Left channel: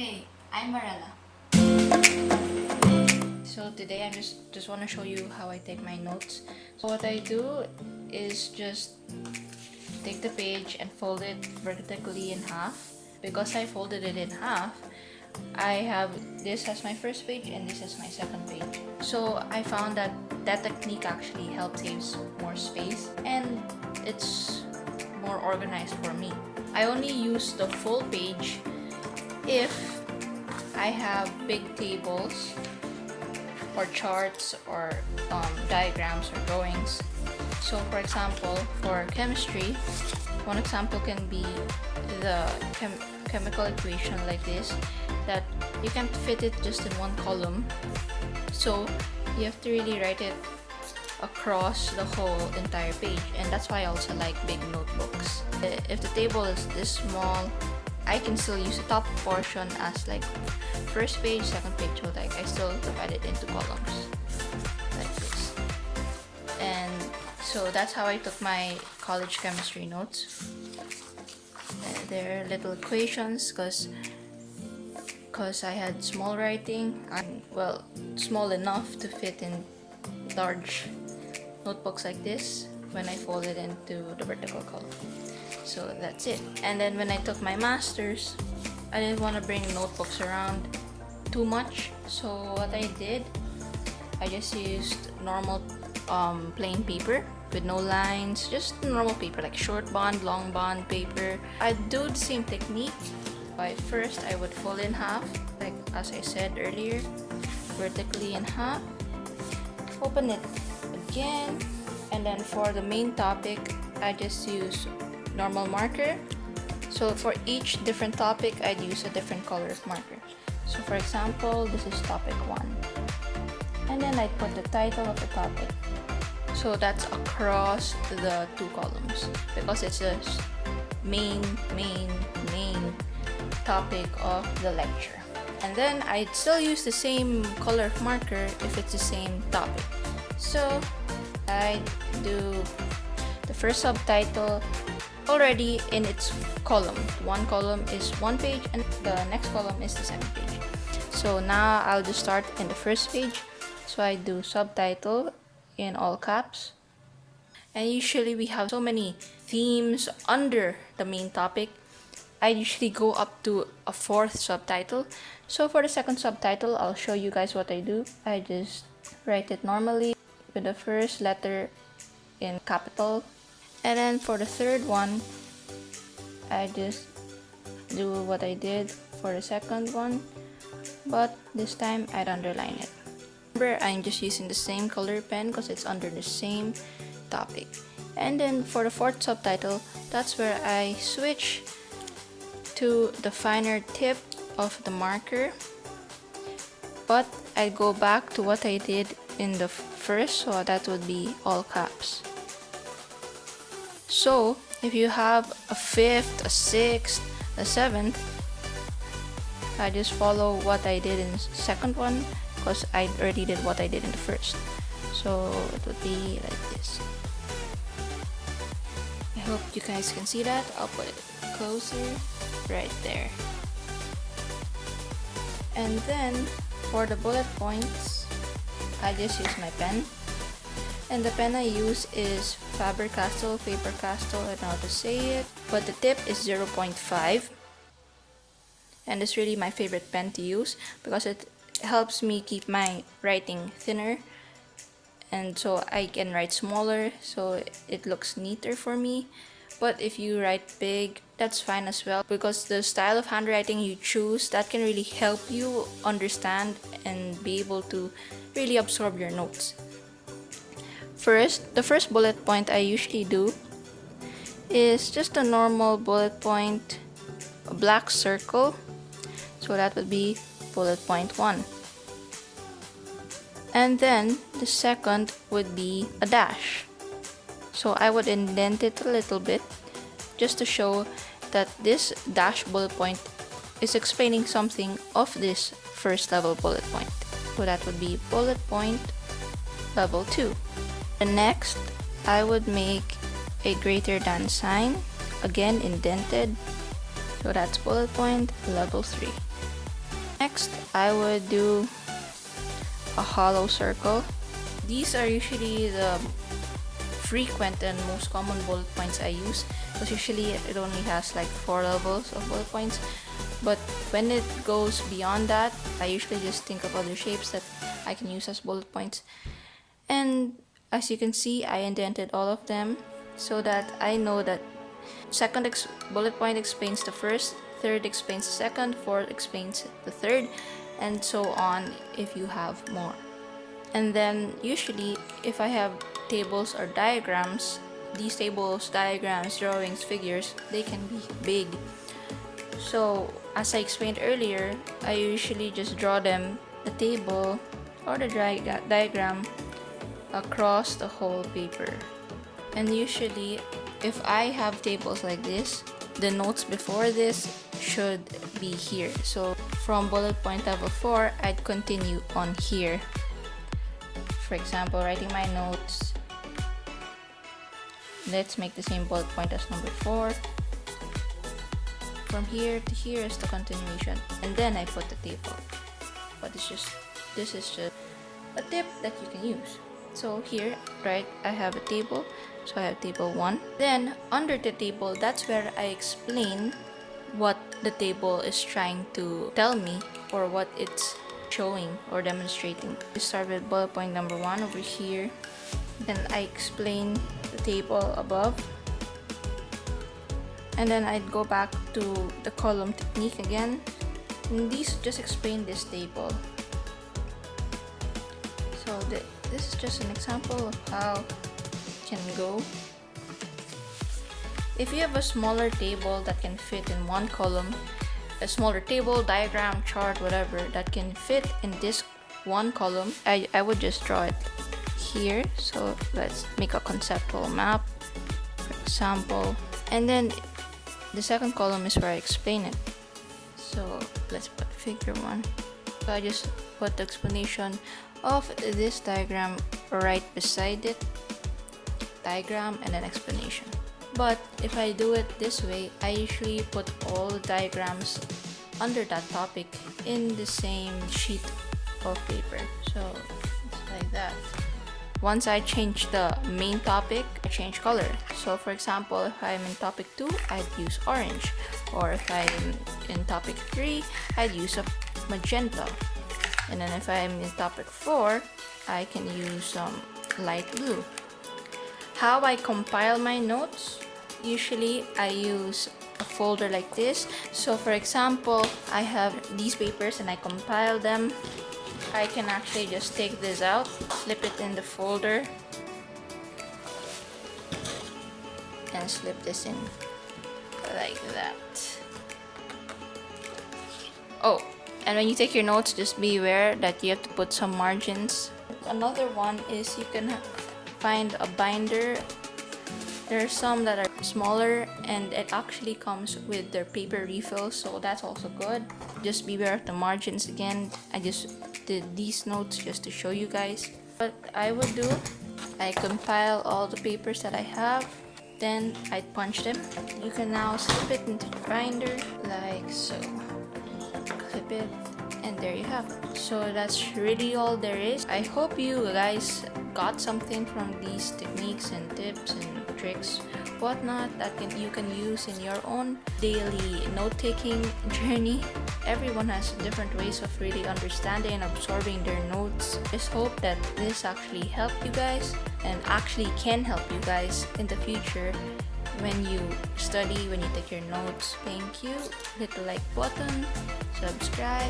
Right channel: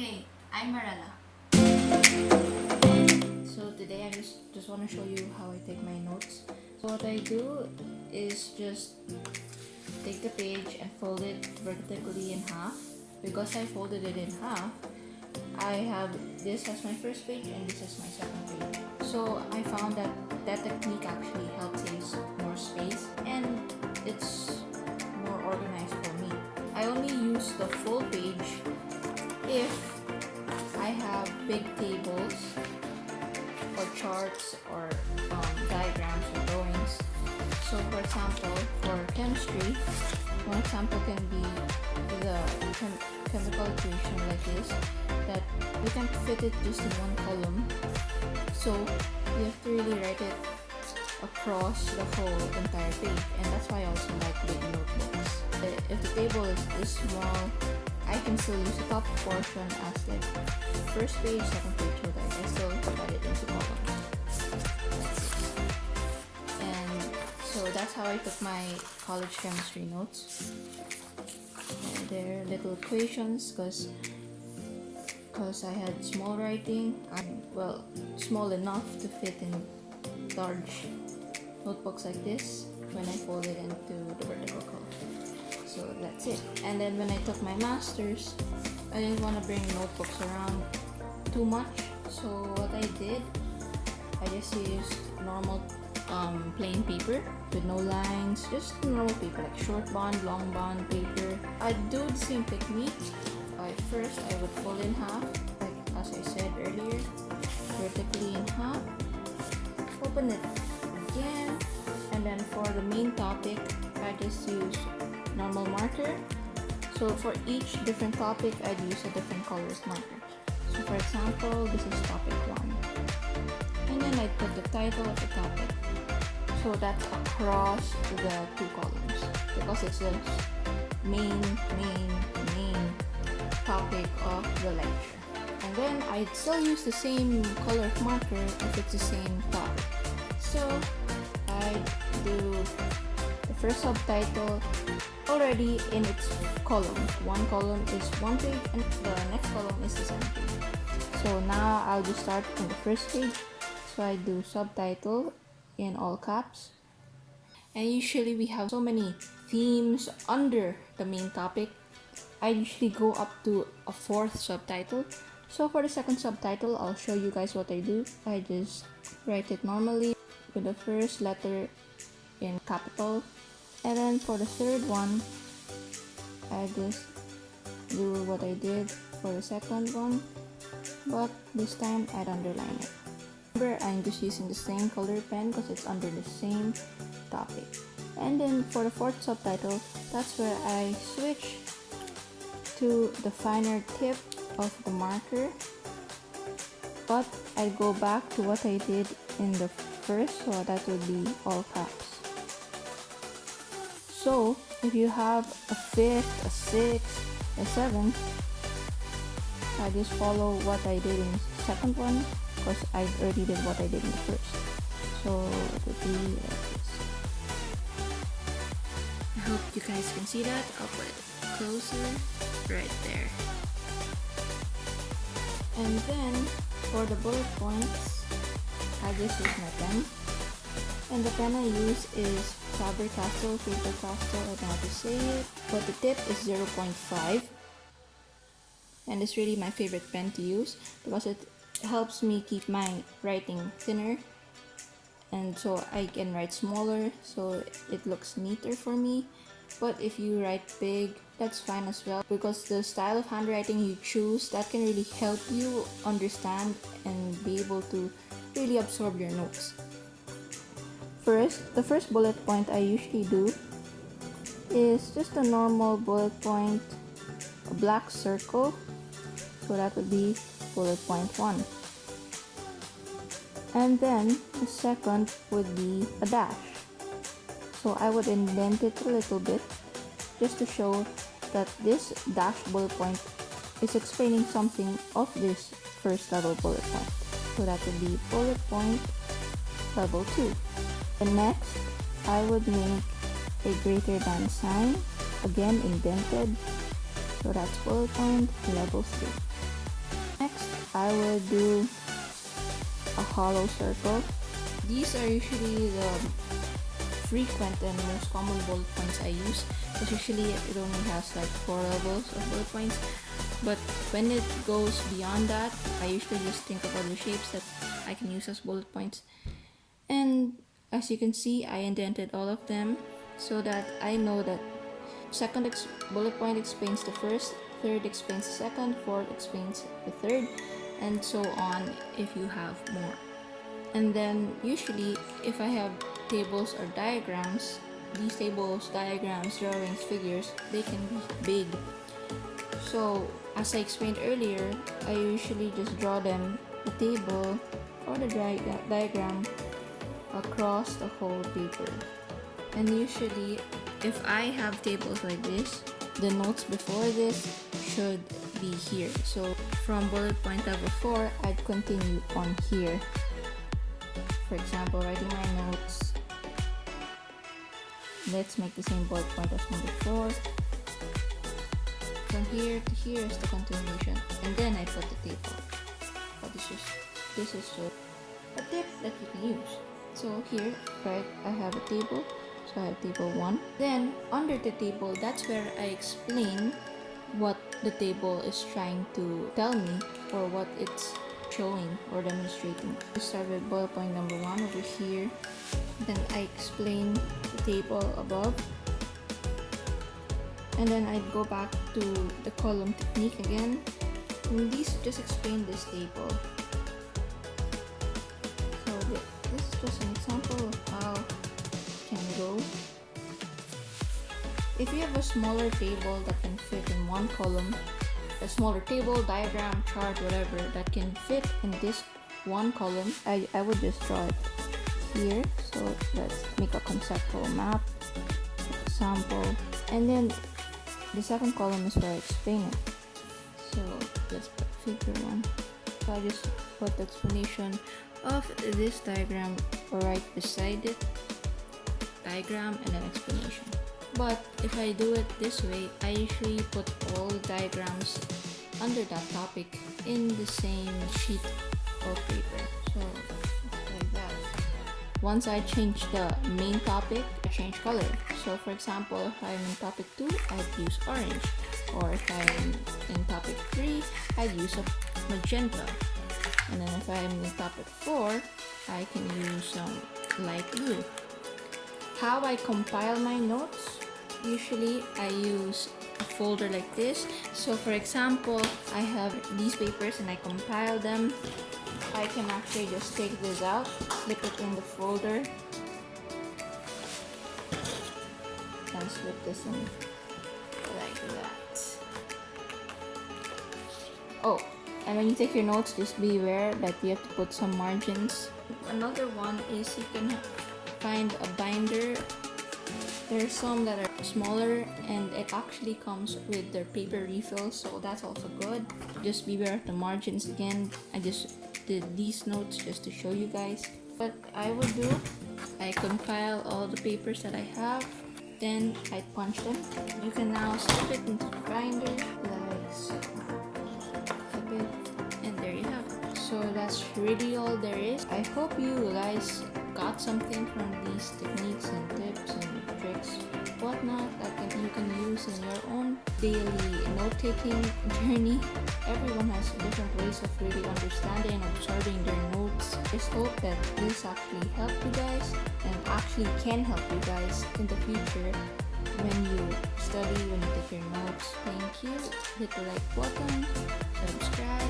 Hey, I'm Marella. So today I just want to show you how I take my notes. So what I do is just take the page and fold it vertically in half. Because I folded it in half, I have this as my first page and this is my second page. So I found that that technique actually helps save more space and it's more organized for me. I only use the full page if I have big tables or charts or diagrams or drawings. So for example, for chemistry, one example can be the chemical equation like this, that you can't fit it just in one column. So you have to really write it across the whole entire page, and that's why I also like big notebooks. If the table is this small, I can still use the top portion as like first page, second page, so like I still divide it into columns like this. And so that's how I took my college chemistry notes. They're little equations because I had small writing, and well, small enough to fit in large notebooks like this when I fold it into the vertical column. So that's it. And then when I took my master's, I didn't want to bring notebooks around too much. So what I did, I just used normal plain paper with no lines, just normal paper like short bond, long bond paper. I do the same technique, but first I would fold in half, like as I said earlier, vertically in half, open it again, and then for the main topic, I just use normal marker. So for each different topic, I'd use a different color of marker. So for example, this is topic 1. And then I put the title of the topic. So that's across the two columns because it's a main topic of the lecture. And then I'd still use the same color of marker if it's the same topic. So I'd do the first subtitle already in its column. One column is one page and the next column is the second page. So now I'll just start in the first page. So I do subtitle in all caps. And usually we have so many themes under the main topic. I usually go up to a 4th subtitle. So for the second subtitle, I'll show you guys what I do. I just write it normally with the first letter in capital. And then for the third one, I just do what I did for the second one, but this time I'd underline it. Remember, I'm just using the same color pen because it's under the same topic. And then for the 4th subtitle, that's where I switch to the finer tip of the marker, but I go back to what I did in the first, so that would be all caps. So if you have a 5th, a 6th, a 7th, I just follow what I did in the second one because I already did what I did in the first. So it would be like this. I hope you guys can see that. I'll put it closer right there. And then for the bullet points, I just use my pen. And the pen I use is Faber-Castell, Faber-Castell, I don't know how to say it, but the tip is 0.5. And it's really my favorite pen to use because it helps me keep my writing thinner, and so I can write smaller, so it looks neater for me. But if you write big, that's fine as well, because the style of handwriting you choose, that can really help you understand and be able to really absorb your notes. First, the first bullet point I usually do is just a normal bullet point, a black circle. So that would be bullet point 1. And then the second would be a dash. So I would indent it a little bit just to show that this dash bullet point is explaining something of this first level bullet point. So that would be bullet point level 2. And next, I would make a greater than sign, again indented. So that's bullet point level 3. Next, I would do a hollow circle. These are usually the frequent and most common bullet points I use, because usually it only has like 4 levels of bullet points. But when it goes beyond that, I usually just think of other shapes that I can use as bullet points. And as you can see, I indented all of them so that I know that second bullet point explains the first, third explains the second, fourth explains the third, and so on if you have more. And then usually if I have tables or diagrams, these tables, diagrams, drawings, figures, they can be big. So as I explained earlier, I usually just draw them, the table or the diagram, across the whole paper. And usually if I have tables like this, the notes before this should be here. So from bullet point level 4, I'd continue on here. For example, writing my notes, let's make the same bullet point as number 4. From here to here is the continuation, and then I put the table. But this is just a tip that you can use. So here, right, I have a table. So I have table 1. Then under the table, that's where I explain what the table is trying to tell me or what it's showing or demonstrating. We start with bullet point number 1 over here. Then I explain the table above. And then I'd go back to the column technique again. And these just explain this table. So this is just an example of how it can go. If you have a smaller table that can fit in one column, a smaller table, diagram, chart, whatever, that can fit in this one column, I would just draw it here. So let's make a conceptual map, for example. And then the second column is where I explain it. So let's put figure 1. So I just put the explanation of this diagram right beside it. Diagram and then explanation. But if I do it this way, I usually put all diagrams under that topic in the same sheet of paper. So it's like that. Once I change the main topic, I change color. So for example, if I'm in topic 2, I'd use orange. Or if I'm in topic 3, I'd use a magenta. And then if I'm in topic 4, I can use light blue. How I compile my notes? Usually I use a folder like this. So for example, I have these papers and I compile them. I can actually just take this out, slip it in the folder, and slip this in like that. Oh, and when you take your notes, just be aware that you have to put some margins. Another one is you can find a binder. There are some that are smaller and it actually comes with their paper refills, so that's also good. Just beware of the margins again. I just did these notes just to show you guys. What I would do, I compile all the papers that I have, then I punch them. You can now slip it into the binder like so. Clip it, and there you have it. So that's really all there is. I hope you guys got something from these techniques and tips and tricks, whatnot, that you can use in your own daily note-taking journey. Everyone has different ways of really understanding and absorbing their notes. Just hope that this actually helped you guys and actually can help you guys in the future when you study, when you take your notes. Thank you. Hit the like button, subscribe,